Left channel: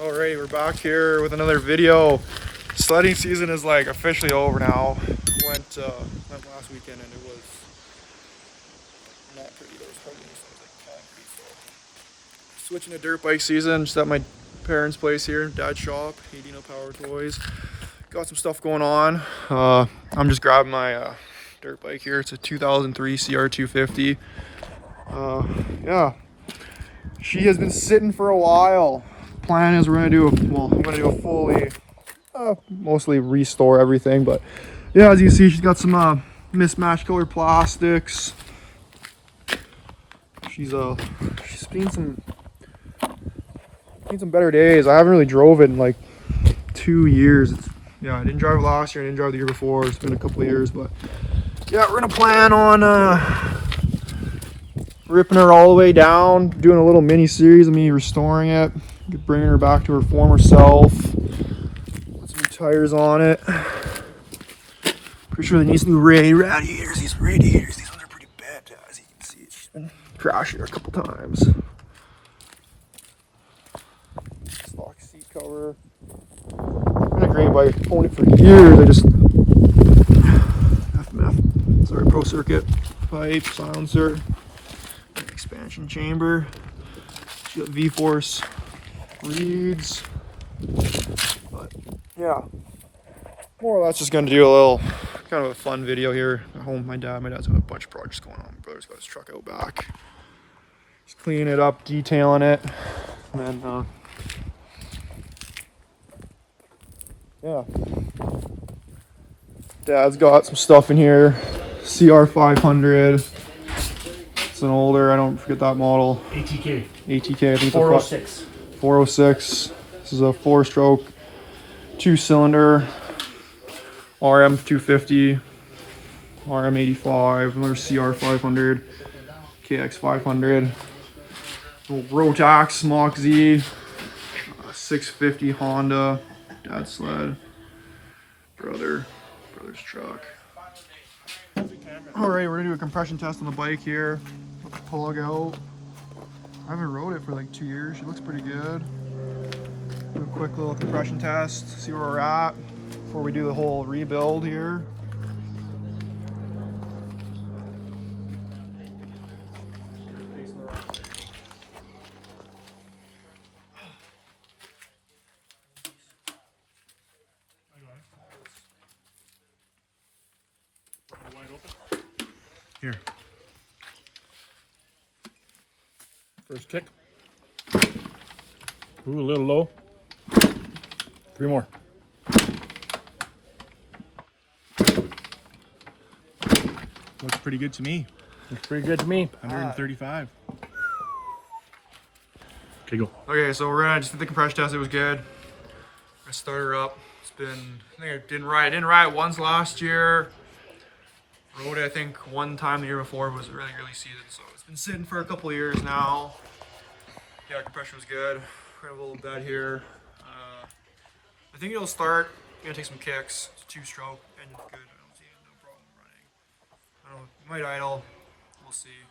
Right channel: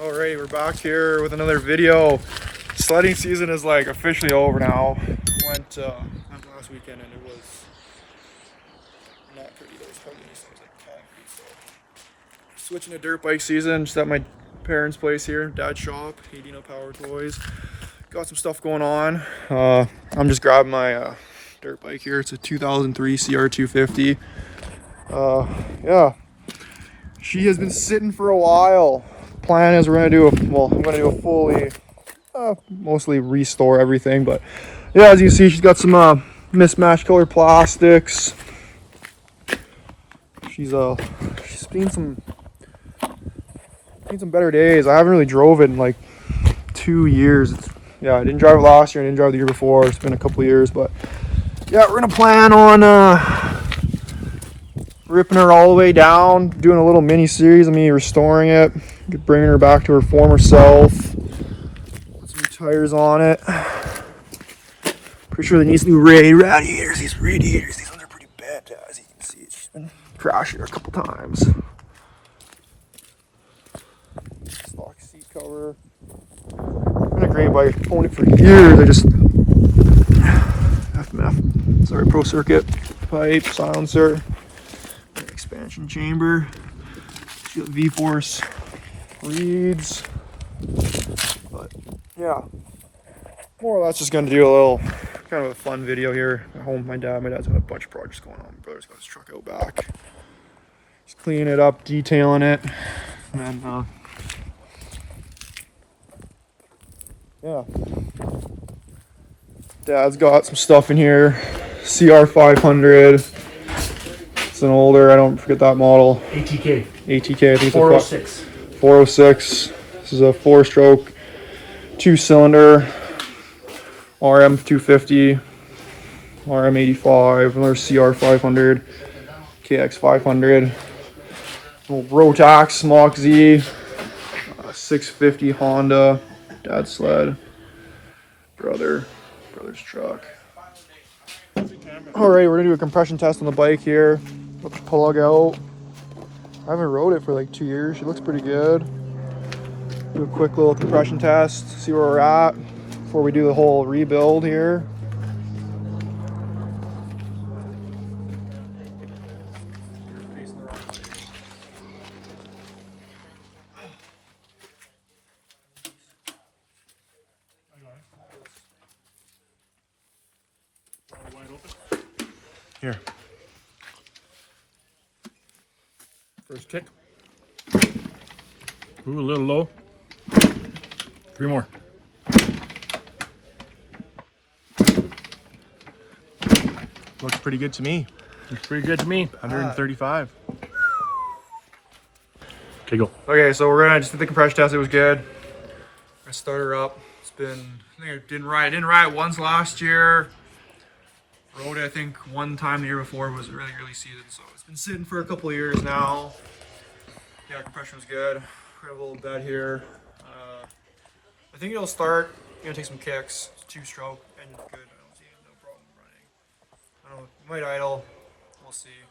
Alright, we're back here with another video. Sledding season is like officially over now. Went last weekend and it was not pretty. Those homeless like switching to dirt bike season. Just at my parents' place here, dad's shop, Dino Power Toys. Got some stuff going on. I'm just grabbing my dirt bike here. It's a 2003 CR250. Yeah, she has been sitting for a while. Plan is we're gonna do I'm gonna do a fully mostly restore everything, but yeah, as you can see, she's got some mismatched color plastics. She's seen some better days. I haven't really drove it in like 2 years. Yeah, I didn't drive it last year, I didn't drive the year before. It's been a couple of years, but yeah, we're gonna plan on ripping her all the way down, doing a little mini series of me restoring it, bringing her back to her former self. Put some new tires on it. Pretty sure it needs new radiators. These radiators, these ones are pretty bad, as you can see. She's been crashing her a couple times. Stock seat cover. Been a great bike. I've owned it for years. I just Pro Circuit pipe, silencer, expansion chamber. She's got V-Force reeds. But yeah, more or less just gonna do a little kind of a fun video here at home. My dad's got a bunch of projects going on. My brother's got his truck out back. He's cleaning it up, detailing it, and then yeah, dad's got some stuff in here. CR500. It's an older, I don't forget that model. ATK. I think it's 406. a 406. This is a 4-stroke, 2-cylinder, RM250, RM85, another CR500, KX500, Rotax Mach Z, 650 Honda, dad's sled, brother's truck. Alright, we're gonna do a compression test on the bike here. Put the plug out. I haven't rode it for like 2 years. She looks pretty good. Do a quick little compression test, see where we're at before we do the whole rebuild here. Here. First kick. Ooh, a little low. 3 more. Looks pretty good to me. Looks pretty good to me. 135. Okay, go. Okay, so we're gonna just did the compression test. It was good. I started her up. It's been, I think I didn't ride it once last year. Rode it, I think, one time the year before. It was really early season, so it's been sitting for a couple of years now. Yeah, compression was good. We have a little bed here. I think it'll start. I'm gonna take some kicks. It's 2-stroke and good. I don't see no problem running. I don't know, it might idle. We'll see.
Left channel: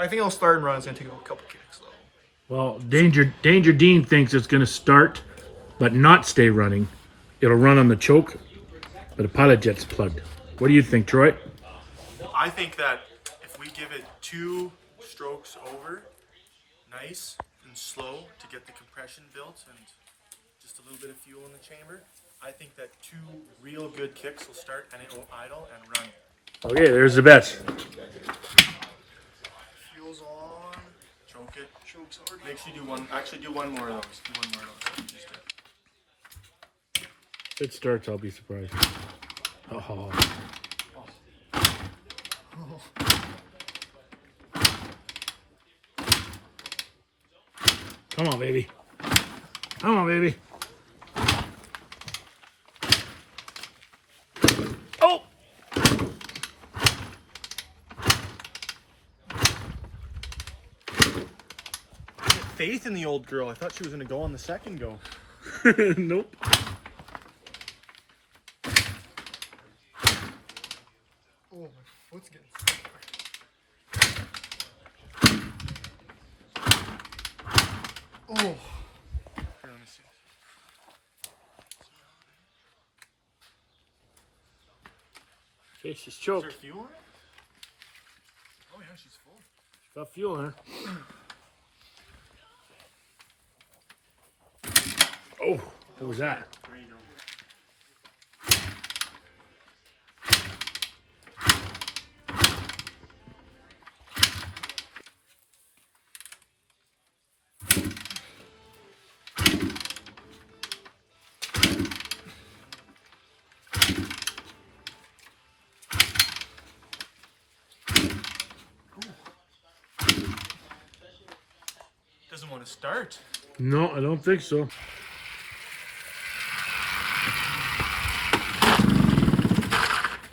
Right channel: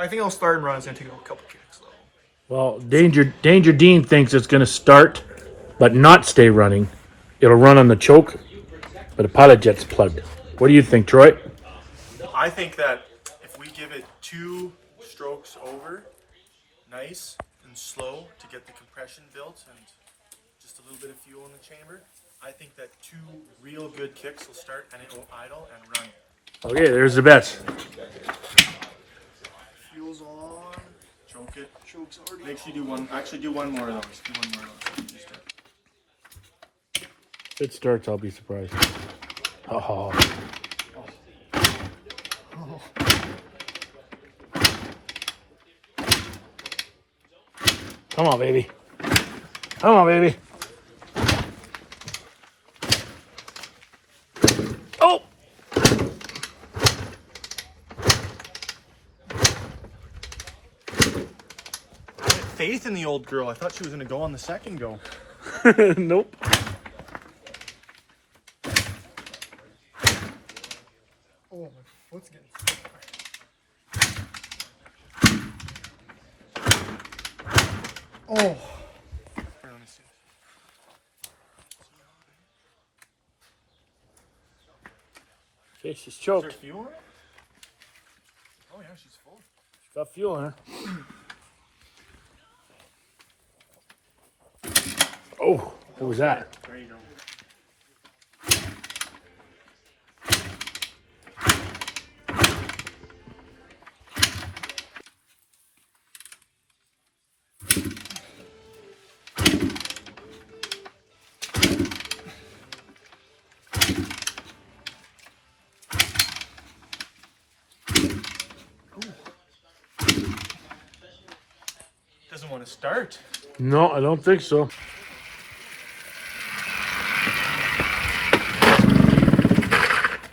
I think it'll start and run. It's gonna take a couple kicks though. Well, Danger Dean thinks it's going to start, but not stay running. It'll run on the choke, but the pilot jet's plugged. What do you think, Troy? I think that if we give it 2 strokes over, nice and slow to get the compression built and just a little bit of fuel in the chamber, I think that 2 real good kicks will start and it will idle and run. Okay, there's the bets. Fuel's on. Choke it. Choke's already. Make sure you do one. Actually, do one more of those. Do one more of those. If it starts, I'll be surprised. Oh. Come on, baby. Come on, baby. Oh! Faith in the old girl. I thought she was going to go on the second go. Nope. Oh, my foot's getting. Oh. Okay, she's Is there choked. fuel in it? Oh yeah, she's full. She's got fuel in her. Oh, what was that? Doesn't want to start. No, I don't think so.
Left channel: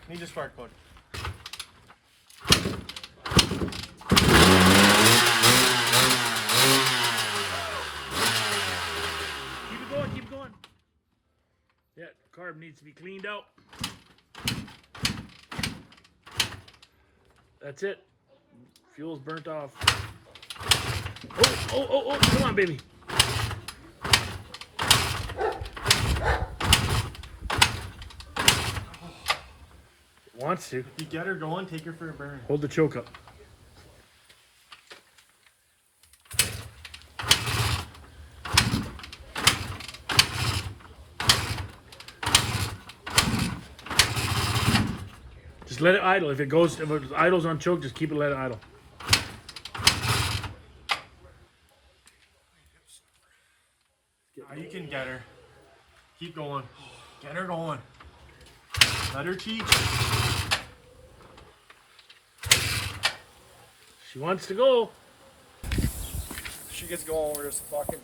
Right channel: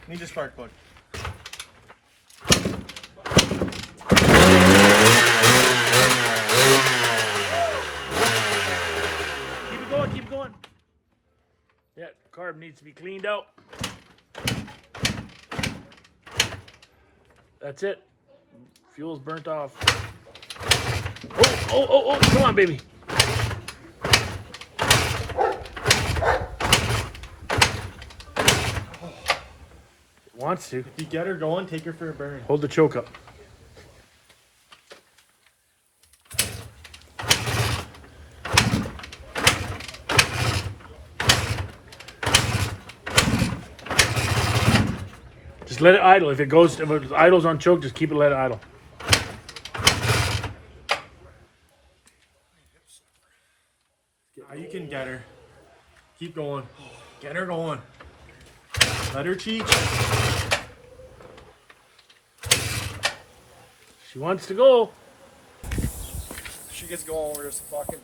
Need a spark plug. Keep it going, keep it going. Yeah, carb needs to be cleaned out. That's it. Fuel's burnt off. Oh, come on, baby. Wants to. If you get her going, take her for a burn. Hold the choke up. Just let it idle. If it idles on choke, just keep it let it idle. You can get her. Keep going. Get her going. Let her teach. She wants to go. She gets going, we're just fucking.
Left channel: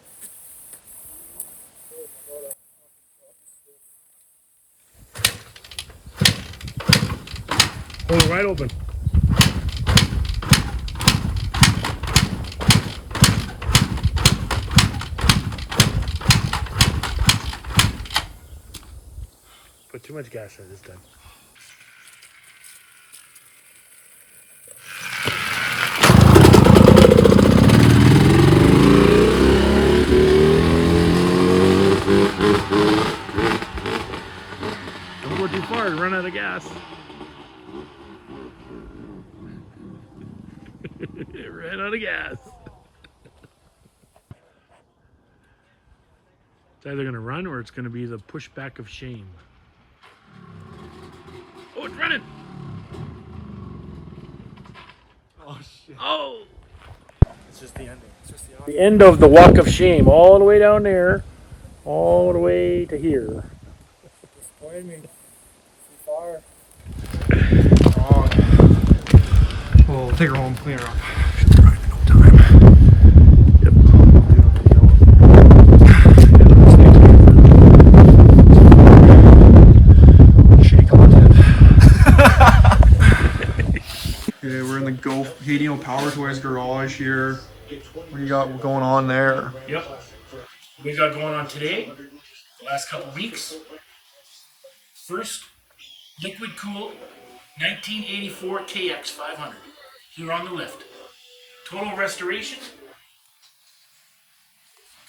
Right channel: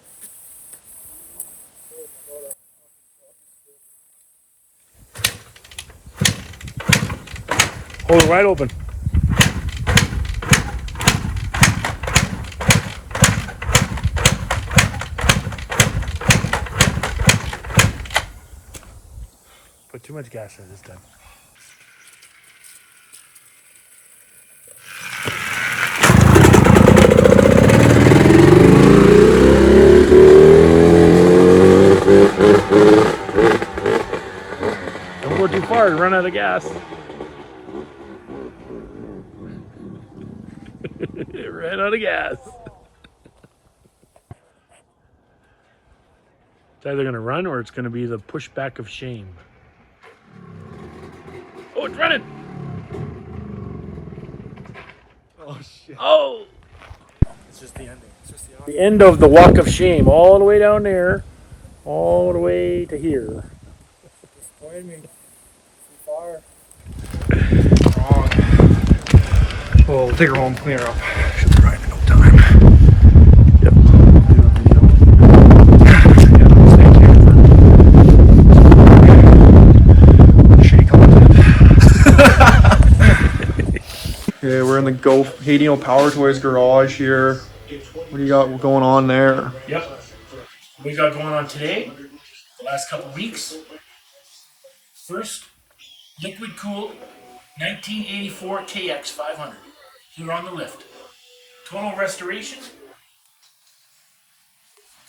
Hold it right open. Put too much gas in this time. Don't go too far and run out of gas. Ran out of gas. It's either going to run or it's going to be the pushback of shame. Oh, it's running. Oh shit. Oh. It's just the ending. It's just the The end of the walk of shame, all the way down there, all the way to here. Disappointed me. Too far. Wrong. We'll take her home, clean her up. She'll be right in no time. Yep. Yeah, stay tuned for shitty content. Okay, we're in the Dino Power Toys garage here. What do you got going on there? Yep. We got going on today, the last couple weeks. First, liquid cooled 1984 KX 500 here on the lift. Total restoration.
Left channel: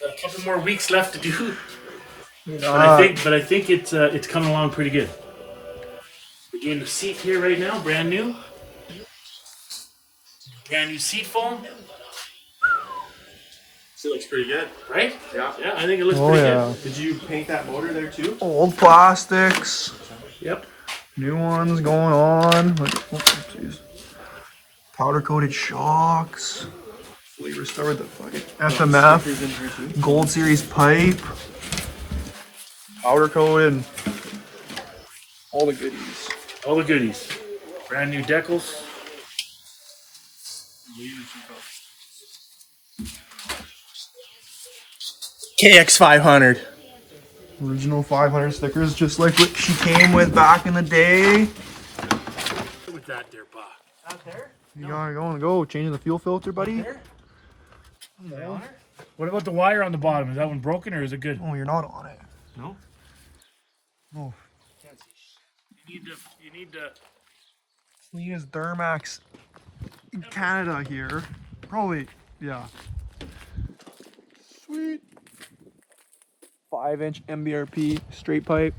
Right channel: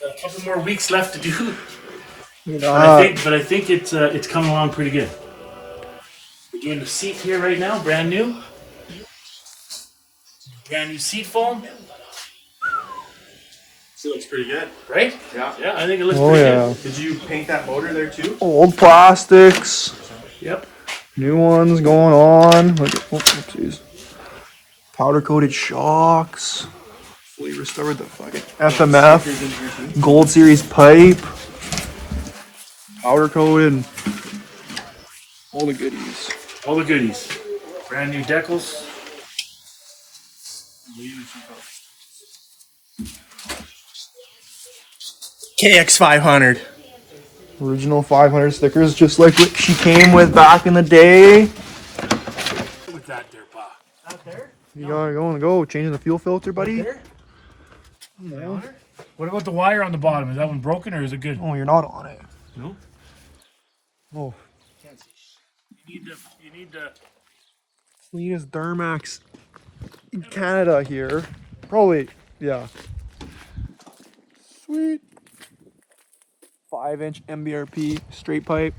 Got a couple more weeks left to do. But I think it's coming along pretty good. We're doing the seat here right now, brand new. Brand new seat foam. Still looks pretty good. Right? Yeah. Yeah, I think it looks pretty good. Did you paint that motor there too? Old plastics, Yep. new ones going on. Look at, geez. Powder coated shocks. Fully restored the fucking FMF. Gold Series pipe. Powder coated. All the goodies. All the goodies. Brand new decals. KX 500. Original 500 stickers, just like what she came with back in the day. With that there, Pa. Out there? You gotta go. Changing the fuel filter, buddy. There? No. What about the wire on the bottom? Is that one broken or is it good? Oh, you're not on it. No. Oh, You need to. cleanest Duramax in Canada here. Probably, yeah. Sweet. 5-inch MBRP straight pipe.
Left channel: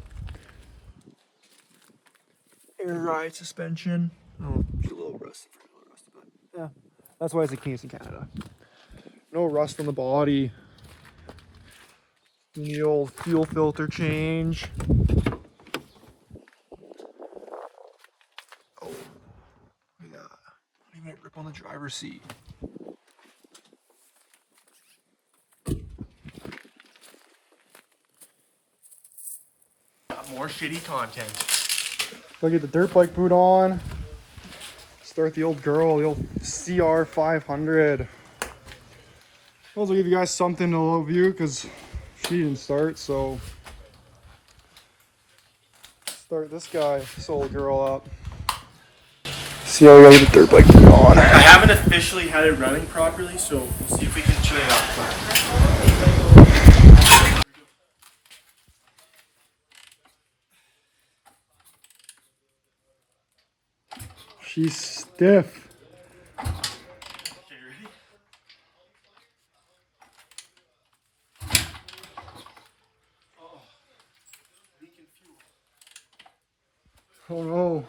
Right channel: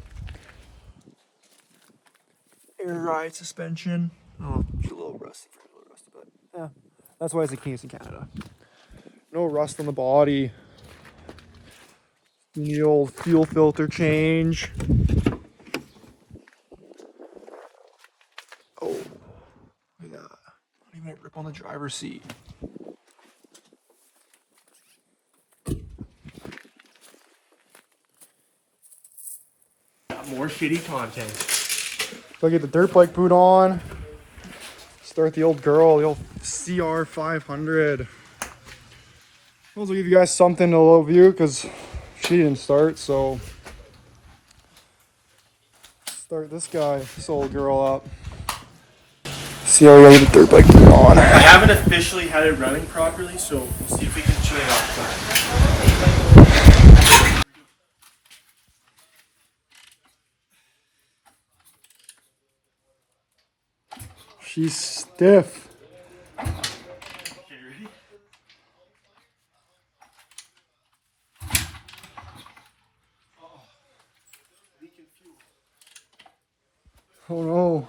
Air Air ride suspension. Oh, it's a little rusty, but yeah, that's why it's a Cleanest in Canada. No rust on the body. The old fuel filter change. Oh, look at that. Not even a grip on the driver's seat. Got more shitty content. So I get the dirt bike boot on. Start the old girl, the old CR500. I'll give you guys something to low view because she didn't start, so start this guy, this old girl up. See how we gotta get the dirt bike boot on. I haven't officially had it running properly, so we'll see if we can chill it out. She's stiff. Oh no.